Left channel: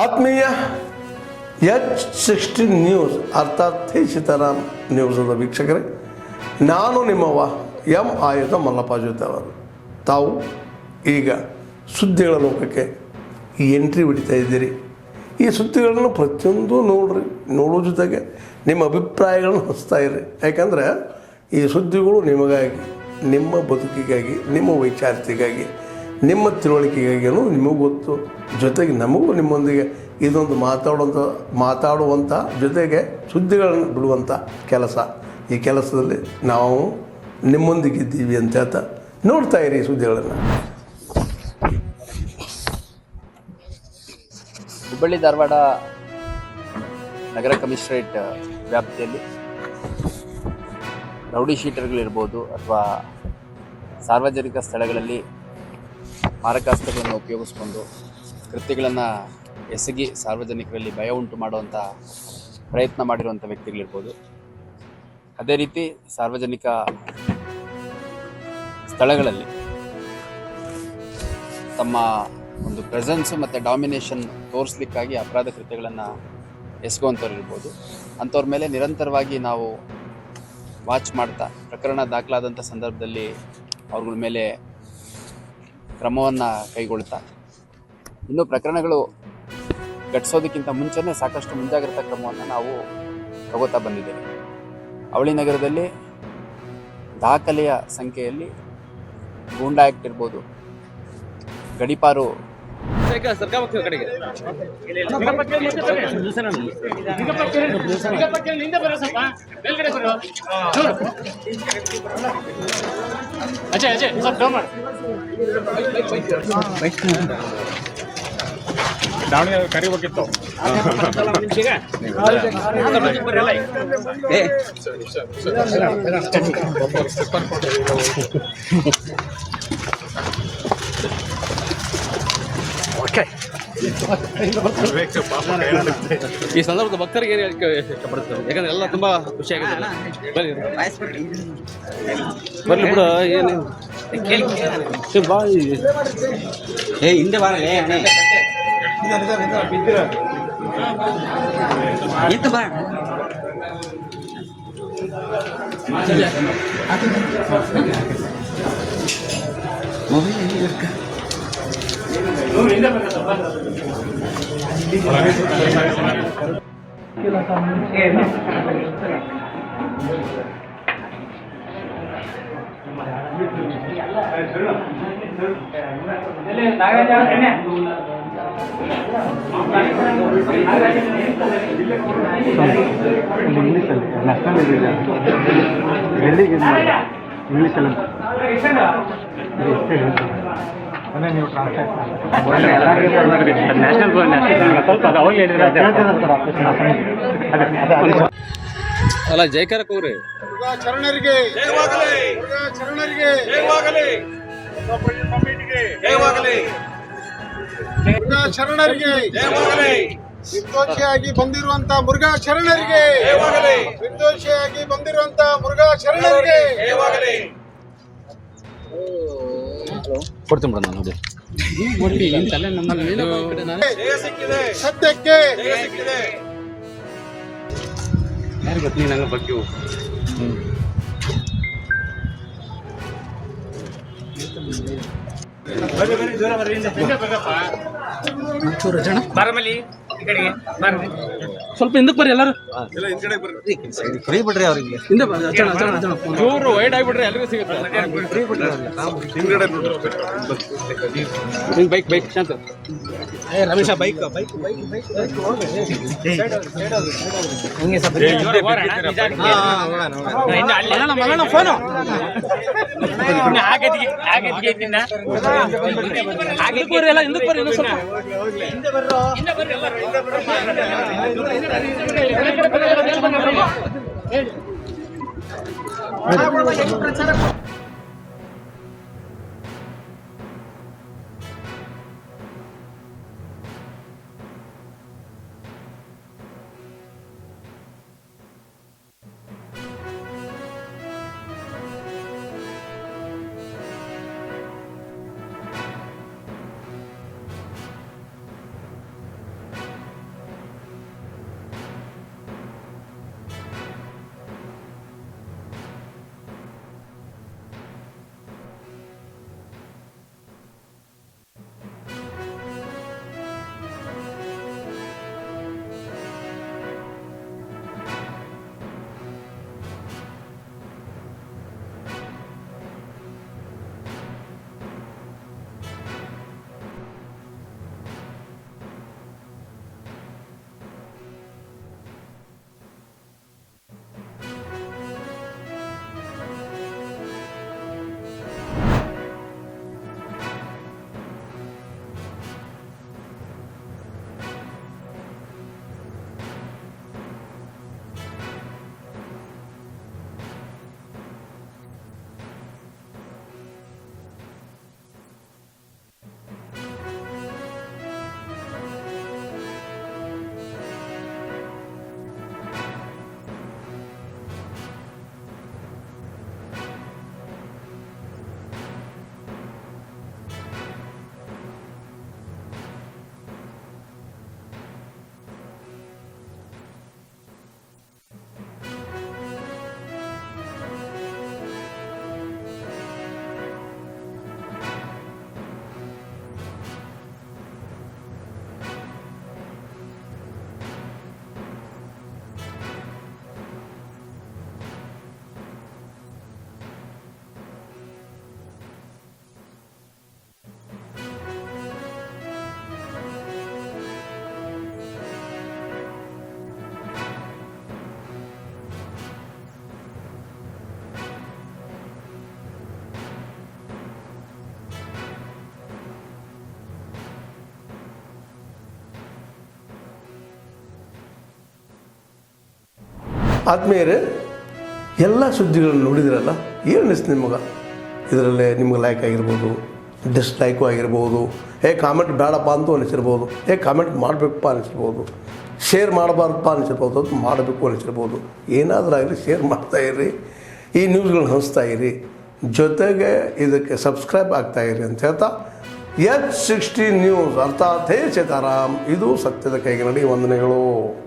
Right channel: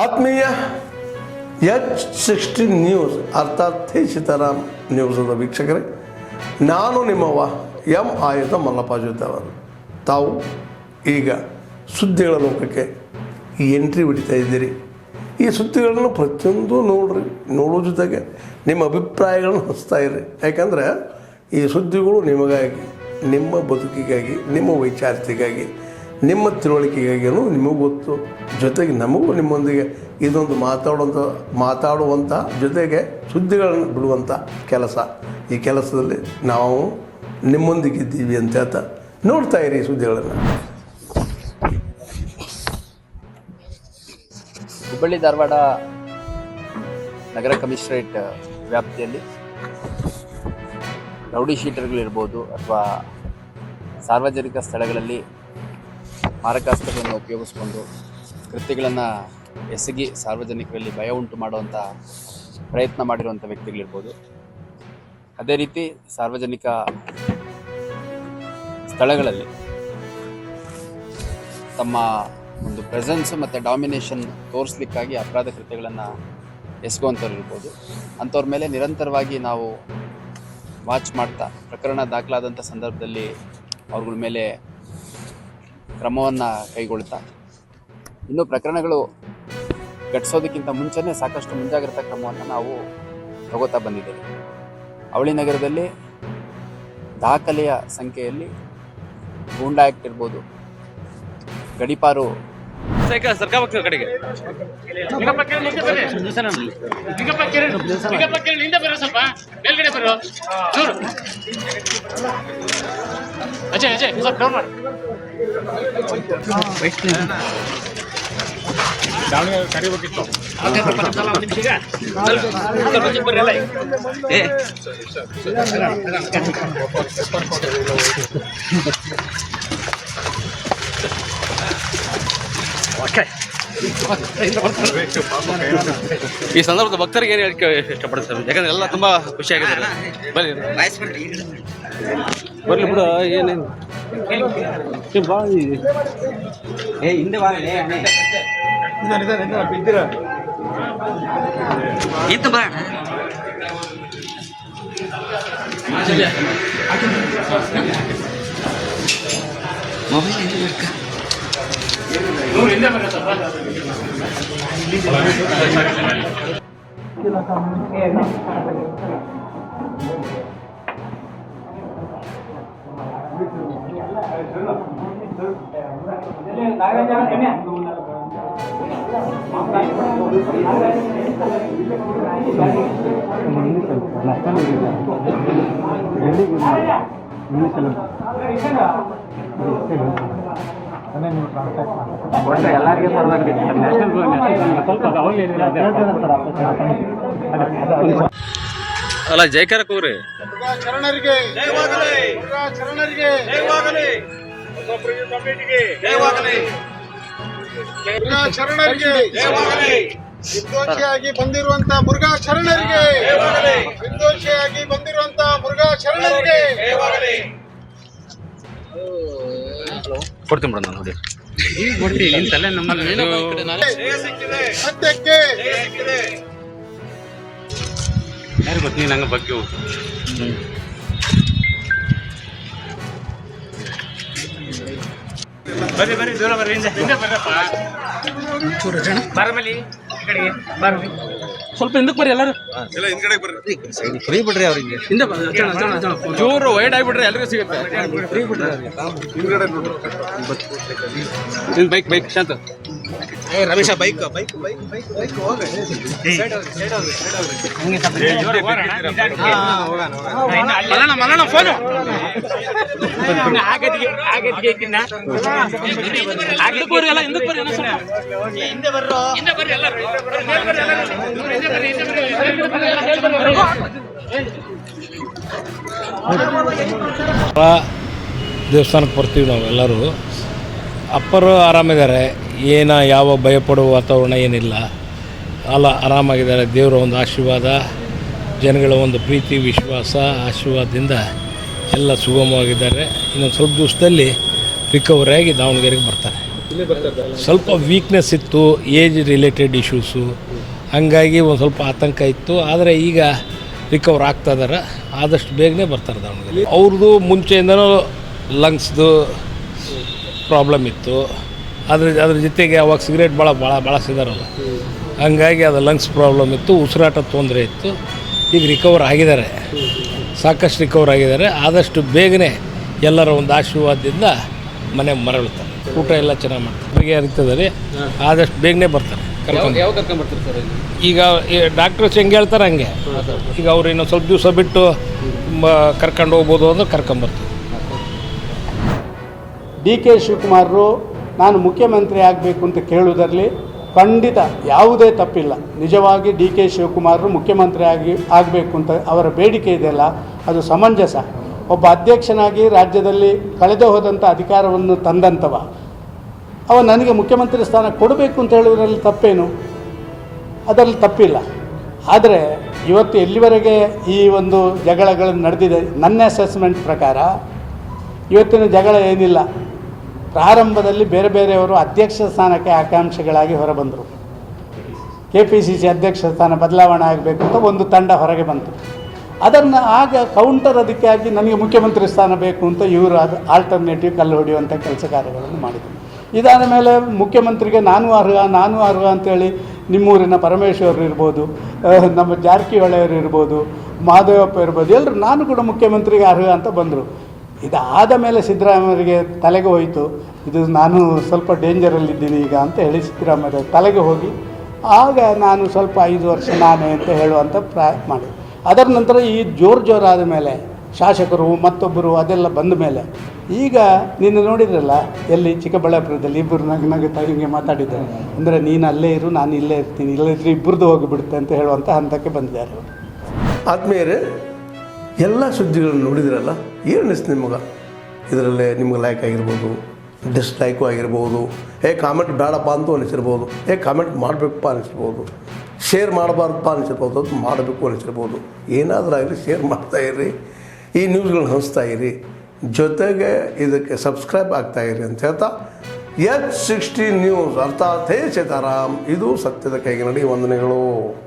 ಆತ್ಮೀಯ H16 news ಅರ್ಥಾತ್ ತಿ ಸೀತಾರಾಮ್ ನ್ಯೂಸದ ವೀಕ್ಷಕರೇ, ನಾನು ನಿಮ್ಮವ ಎಂ ಆಯುಧ ಮಲ್ಲಪ್ಪ ಜೊತೆ ಅವರು. ತಾವು ಈಗ ಸುದ್ದಿಗಳ ಲೋಕಕ್ಕೆ ಎಂಟ್ರಿ ಹೊಡಿತಾ ಇದ್ದೀರಿ. ಈ ಸುದ್ದಿಗಳನ್ನು ಪ್ರತಿಯೊಂದು ನೋಡೋ ಜೊತೆಗೆ ನಿಮ್ಮ ಅಭಿಪ್ರಾಯಗಳನ್ನು ಹಚ್ತಾ ಇರ್ರಿ. ಯಾಕಂದರೆ ಈ ಸುದ್ದಿಗಳು ನಿಮಗಾಗಿ, ನಿಮ್ಮ ಬದುಕಿಗಾಗಿ, ನಿಮ್ಮ ವೈಚಾರಿಕೆಗಾಗಿ, ನಿಮ್ಮ ತಿಳುವಳಿಕೆಗಾಗಿಯೂ ನಿಮಗೂ ಗೊತ್ತು. ಜೊತೆಗೆ ನಮಗೂ ನಿಮ್ಮೊಂದಿಗೆ ಇದೊಂದು ಮಾತಾಡುವಂಥ ಜೊತೆಗೆ ಸುದ್ದಿಗಳನ್ನು ಬಿಡುವಂಥ ಕೆಲಸ. ಈ ಕೆಲಸದಲ್ಲಿ ನಾವು ನಿಮ್ಮೊಂದಿಗಿದ್ದೀವಿ ಅಂತ ಹೇಳ್ತಾ ನೋಡ್ತಾ ಇರಿ ಈ ಸುದ್ದಿಗಳನ್ನು. ಹುಬ್ಬಳ್ಳಿ ಧಾರವಾಡ ನಗರ ಕಮಿಷನರೇಟ್ ವ್ಯಾಪ್ತಿಯಲ್ಲಿ ರೌಡಿ ಶೀಟರ್ಗಳಿರ್ಬೋದು ಅಥವಾ ಸಾರ್ವಜನಿಕ ಸ್ಥಳಗಳಲ್ಲಿ ಮಾರಕಾಸ್ತ್ರಗಳನ್ನು ಉಪಯೋಗಿಸ್ಕೊಂಡು ಕೃತ್ಯಗಳನ್ನು ಎಸಗಿ ಸಾರ್ವಜನಿಕರಲ್ಲಿ ಭಯ ಉಂಟು ಮಾಡುವಂಥ ಪ್ರಯತ್ನ ಮಾಡಿರುವಂಥ ವ್ಯಕ್ತಿಗಳಿರ್ಬೋದು. ಅದೇ ರೀತಿ ಸಾರ್ವಜನಿಕ ಸ್ಥಳಗಳಲ್ಲಿ ತಮ್ಮ ಒಂದು ಪ್ರೆಸೆನ್ಸು ಮತ್ತು ಡಾಮಿನೇಷನ್ ತೋರಿಸ್ಲಿಕ್ಕಾಗಿ ಅಪರಾಧ ಕೃತ್ಯಗಳನ್ನು ಎಸಗುವಂಥವ್ರು ಇರ್ಬೋದು. ಅಂಥವ್ರ ಮೇಲೆ ನಿರಂತರವಾಗಿ ನಾವು ವಾಚ್ ಮಾಡ್ತಾ ಪ್ರಕರಣ ದಾಖಲಾದಂಥ ಸಂದರ್ಭದಲ್ಲಿ ಅವ್ರಗಳ ಮೇಲೆ ಕ್ರಮವನ್ನು ಕೈಗೊಳ್ತಾ, ಇನ್ನು ಪ್ರಕರಣಗಳು ಘಟಿಸೋದಕ್ಕಿಂತ ಮುಂಚೆನೇ ಸಾಕಷ್ಟು ಮುಂಜಾಗ್ರತಾ ಕ್ರಮವನ್ನು ನಾವು ತಗೋತಾ ಬಂದಿದ್ದೇವೆ. ಅವಳಿ ನಗರದಲ್ಲಿ ದಾಖಲೆಯ ಸಂಖ್ಯೆಯಲ್ಲಿ ಗೂಂಡಾ ಆ್ಯಕ್ಟ್ ಇರ್ಬೋದು, ಗಡಿಪಾರು ಕಡೆಗೆ ದಾವಣಗೆರೆ ಕರಿಬೇಕಿತ್ತು. ಈ ಸಂದರ್ಭದ ಭಕ್ತರಿಗೆ ಏನು ಹೇಳಿಕೆ ಇಷ್ಟಪಡ್ತಾರೆ? ಯಾಕಂದ್ರೆ ಎಲ್ಲ ತುಂಬಾ ಖುಷಿಯಾಗಿದೆ. ಬರ್ಲಿ ಬಿಡು, ಏನೇನು ಬಾ ಹಿಂದೆ ಬಾ ಇತ್ತು ಬಾ. ಅಲ್ಲ, ಜಯಕಾರ ಕೂರಿ ಶರಣರಿಗೆ ನಿರ್ದೋಷಿಯಾಗಿ ಬಂದಿರುವಂತ ಮುರುಘಾ ಶರಣರಿಗೆ, ನಿರ್ದೋಷಿಯಾಗಿ ಬಂದಿರುವಂತ ಮುರುಘಾ ಶರಣರಿಗೆ ಕೊಡ್ತೀನಿ ಬಿಡ. ನಾನು ನೋಡಿ ಸದ್ಯಕ್ಕೆ ಯಾರು ಗೊತ್ತ ನೀನು ನಂಗೆ ಬಗ್ಗೆ ಬರ್ರಿ ದೂರ ಬರ್ರಿ, ಹಿಂದೆ ಬರ್ರಪ್ಪ. ಸ್ವಲ್ಪ ಹಿಂದಕ್ಕೆ ಬರ್ರಿ, ಎಲ್ಲರೂ ಫ್ರೀ ಬಿಡ್ರಿ. ಅವ್ರಿಗೆ ಹಿಂದೆ ಚೂರು ವೈಡ್ ಆಗಿಬಿಡ್ರಿ, ಎಲ್ಲರಿಗೂ ಸಿಗುತ್ತೆ. ಬೈಕ್ ಶಾಂತ ರಮೇಶ ಬೈಕ್ ಮಲ್ಲಣ್ಣ ಫೋನು ಎಲ್ಲ ಹಿಂದಕ್ಕೆ ಬರ್ರಿ. ದೇವಸ್ಥಾನಕ್ಕೆ ಬರ್ತೀವಿ ನಾವೆಲ್ಲರೂ. ಅಪ್ಪರು ಆರಾಮಿದ್ದಾರೆ, ಯಾವ ಭಯಪಡುವ ವಾತಾವರಣ ಏನಿಲ್ಲ. ಆರಾಮಾಗಿದ್ದಾರೆ. ದೇವರ ಒಂದು ಆಶೀರ್ವಾದ, ಜನಗಳ ಒಂದು ಪ್ರೀತಿ, ವಿಶ್ವಾಸ, ಆಶೀರ್ವಾದದಿಂದ ಎಲ್ಲ ಸುಗಮವಾಗಿದ್ದಾರೆ. ಇನ್ನೊಂದು ಸ್ವಲ್ಪ ದಿವಸದಲ್ಲಿ ರಿಕವರಿ ಆಗಿ ದಾವಣಗೆರೆಗೆ ಬರ್ತಾರೆ. ಸ್ವಲ್ಪ ವೀಕ್ನೆಸ್ ಇತ್ತು, ಏಜ್ ರಿಲೇಟೆಡ್ ಇಶ್ಯೂಸು, ಹಂಗಾಗಿ ಒಂದು ಸ್ವಲ್ಪ ಆತಂಕ ಇತ್ತು. ಆದರೆ ಈಗ ರಿಕವರ್ ಆಗ್ತಾ ಇದ್ದಾರೆ, ಆದಷ್ಟು ಬೇಗನೆ ಬರ್ತಾರೆ ದಾವಣಗೆರೆ. ಅವ್ರದ್ದು ಮುಂಚೆಯಿಂದನೂ ಲಂಗ್ಸ್ದು ಪ್ರಾಬ್ಲಮ್ ಇತ್ತು, ಅದ್ರ ಜೊತೆಗೆ ಅವಾಗ ಸಿಗರೇಟ್ ಬಳಸಿದಾರಲ್ಲ, ಹಂಗಾಗಿ ಅದು ಲಂಗ್ಸ್ ಪ್ರಾಬ್ಲಮ್ ಇತ್ತು, ಉಸಿರಾಟ ತೊಂದರೆ ಇತ್ತು. ಈಗ ರಿಕವರ್ ಆಗಿದ್ದಾರೆ, ಸಾಕಷ್ಟು ರಿಕವರ್ ಆಗಿದ್ದಾರೆ. ಆದಷ್ಟು ಬೇಗನೆ ಎಲ್ಲರ ಒಂದು ಆಶೀರ್ವಾದದಿಂದ ಮನೆಗೆ ಮರಳುತ್ತಾರೆ. ಊಟ ಎಲ್ಲ ಚೆನ್ನಾಗಿ ಮಾಡ್ತಾರೆ, ಅವರಿಗೆ ಅರಿತದೆ, ಆದಷ್ಟು ಬೇಗನೆ ಬರ್ತಾರೆ. ಯಾವ ಕರ್ಕೊಂಡ್ಬರ್ತಾರೆ ಸರ್? ಈಗ ಡಾಕ್ಟರ್ಸ್ ಹೆಂಗೆ ಹೇಳ್ತಾರೆ ಹಂಗೆ. ಈಗ ಅವ್ರು ಇನ್ನೊಂದು ಸ್ವಲ್ಪ ದಿವಸ ಬಿಟ್ಟು ಕರ್ಕೊಂಡು ಹೋಗ್ಬೋದು ಅಂದ್ರೆ ಕರ್ಕೊಂಬರ್ತಾರೆ. ಡಿ.ಕೆ. ಶಿವಕುಮಾರರು ನಾನು ಮುಖ್ಯಮಂತ್ರಿ ಆಗಬೇಕು ಅಂತ ಕೇಳುವುದರಲ್ಲಿ ಖಂಡಿತ ಯಾವುದೇ ತಪ್ಪಿಲ್ಲ. ನಿಜವಾಗಿ ಡಿ.ಕೆ. ಶಿವಕುಮಾರರು ಮುಖ್ಯಮಂತ್ರಿ ಆಗಬೇಕು ಅಂತ ಅವರ ಬೇಡಿಕೆ ಇದೆಯಲ್ಲ, ಅದು ಸಮಂಜಸ. ಒಬ್ಬ ಅಧ್ಯಕ್ಷನಾಗಿ ರಾಜ್ಯದಲ್ಲಿ ಕಳೆದು ಹೋದಂಥ ಅಧಿಕಾರವನ್ನು ತಂದಂಥವ ಅವ ನನಗೆ ಮುಖ್ಯಮಂತ್ರಿ ಸ್ಥಾನ ಕೊಡಬೇಕು ಅಂತ ಹೇಳುವುದರಲ್ಲಿ ತಪ್ಪೇನು? ಅದರಲ್ಲಿ ತಪ್ಪಿಲ್ಲ. ಆದರೆ ಇವತ್ತು ಎಲ್ಲಿವರೆಗೆ ಈ ಒಂದು ಜಗಳಗಳು ನಡೆದಿದೆ, ನನ್ನ ಅಸೆಸ್ಮೆಂಟ್ ಪ್ರಕಾರ ಇವತ್ತಿನ ಜಗಳ ಏನಿಲ್ಲ. ಪ್ರಾರಂಭದಲ್ಲಿ ಬೇರೆ ಬೇರೆಯವರು ಅಧ್ಯಕ್ಷ ಸ್ಥಾನಕ್ಕೆ ಆಕಾಂಕ್ಷಿಗಳಾಗಿ ಹೊರಬಂದರು. KPCC ಅಧ್ಯಕ್ಷ ಸ್ಥಾನ ಬದಲಾವಣೆ ಆಗಬೇಕು ಅಂತ ಒಂದು ತಂಡ ಹೊರಗೆ ಬಂತು. ಅದನ್ನು ಆಗ ಕೌಂಟರ್ ಅದಕ್ಕಾಗಿ ನನಗೆ ಮುಖ್ಯಮಂತ್ರಿ ಸ್ಥಾನ ಬೇಕು ಅಂತ ಇವರು ಅದು ಆಲ್ಟರ್ನೇಟಿವ್ ಕಲ್ಲು ಹೊಡೆಯುವಂಥ ಕೆಲಸ ಕಾರ್ಯಗಳನ್ನು ಮಾಡಿದರು. ಇದಾದ ಮೇಲೆ ಮುಖ್ಯಮಂತ್ರಿಗೆ ನಾನು ಅರ್ಹ ಅಂತೇಳಿ ನಿಮ್ಮೂರಿನ ಪರಮೇಶ್ವರ್ ಇರ್ಬೋದು, ನಮ್ಮ ಜಾರಕಿಹೊಳಿಯವರು ಇರ್ಬೋದು, ಮಹದೇವಪ್ಪ ಇರ್ಬೋದು, ಎಲ್ಲರೂ ನಾನು ಕೂಡ ಮುಖ್ಯಮಂತ್ರಿಗೆ ಅರ್ಹ ಅಂತ ಬಂದರು. ಇದಾದ ಮೇಲೆ ಸಿದ್ದರಾಮಯ್ಯರಿಗೆ ತಲೆಗೆ ಹೋಯಿತು, ಇದು ನಾನು ಸ್ವಲ್ಪ ಡೇಂಜರಲ್ಲಿದ್ದೀನಿ ಈಗ ಅಂತ ಹೇಳಿ ಸಿದ್ದರಾಮಯ್ಯ ತಲೆಗೆ ಹೋಗಿ ಆಗ ನಾನು ಸ್ವಲ್ಪ 5 ವರ್ಷ ನಾನೇ ಅಂತ ಹೇಳುವಂಥ ಮಾಡಿ. ಅದರ ನಂತರ ಈ ಜೋರಾದ ಮೇಲೆ ಶಾಸಕರು ಮತ್ತೊಬ್ಬರು ಅದೆಲ್ಲ ಬಂದ ಮೇಲೆ ಈಗ ನೀನು ನೋಡಿದ್ರಲ್ಲ, ಎಲ್ಲಿ ಚಿಕ್ಕಬಳ್ಳಾಪುರದಲ್ಲಿ ಇಬ್ಬರು ನಗುತ್ತಾ ಹಿಂಗೆ ಮಾತಾಡಿದ್ದಾರೆ. ಅಂದರೆ ನೀನು ಅಲ್ಲೇ ಇರು, ನಾನು ಇಲ್ಲೇ ಇರ್ತೀನಿ, ಇಲ್ಲದಿದ್ದರೆ ಇಬ್ಬರದ್ದು ಹೋಗಿಬಿಡುತ್ತೆ ಅಂತ ಹೇಳುವಂಥ ಹಂತಕ್ಕೆ ಬಂದಿದ್ದಾರೆ ಅವರು. ಆದ್ಮೇಲೆ ಎಲ್ಲ ಸುದ್ದಿಗಳನ್ನು ನೋಡಿದ್ರಲ್ಲ, ಏನು ಅನಿಸ್ತು ನಿಮಗೆ? ಇದರಲ್ಲೇ ನಿಮ್ಗೆ ಲೈಕ್ ಆಗಿರ್ಬೋದು, ಡಿಸ್ಲೈಕು ಆಗಿರ್ಬೋದು, ಕಾಮೆಂಟ್ ಬೇಡಪ್ಪ ಅಂತೂ ಅನಿಸಿರ್ಬೋದು, ಕಾಮೆಂಟ್ ಮಾಡಬೇಕಪ್ಪ ಅನಿಸಿರ್ಬೋದು, ಶೇರ್ ಮಾಡಬಾರ್ದಪ್ಪ ಅನಿಸಿರ್ಬೋದು, ಅದು ಮಾಡಬೇಕು ಅನಿಸಿರ್ಬೋದು. ಏನಾದರೂ ಆಗಲಿ ಶೇರ್ ಮಾಡ್ತಾಯಿರಿ, ಈ ನ್ಯೂಸ್ಗಳನ್ನ ಹಂಚ್ತಾ ಇರಿ, ಜೊತೆಗೆ ಇದಕ್ಕೆ ಸಬ್ಸ್ಕ್ರೈಬ್ ಆಗ್ತಾಯಿರಿ ಅಂತ ಹೇಳ್ತಾ H16 ನ್ಯೂಸ್ ಅರ್ಥಾತ್ ಹೇ ಸೀತಾರಾಮ್, ಇದು ಸತ್ಯದ ಕೈಗೆ ನಡಿ. ವಂದನೆಗಳು.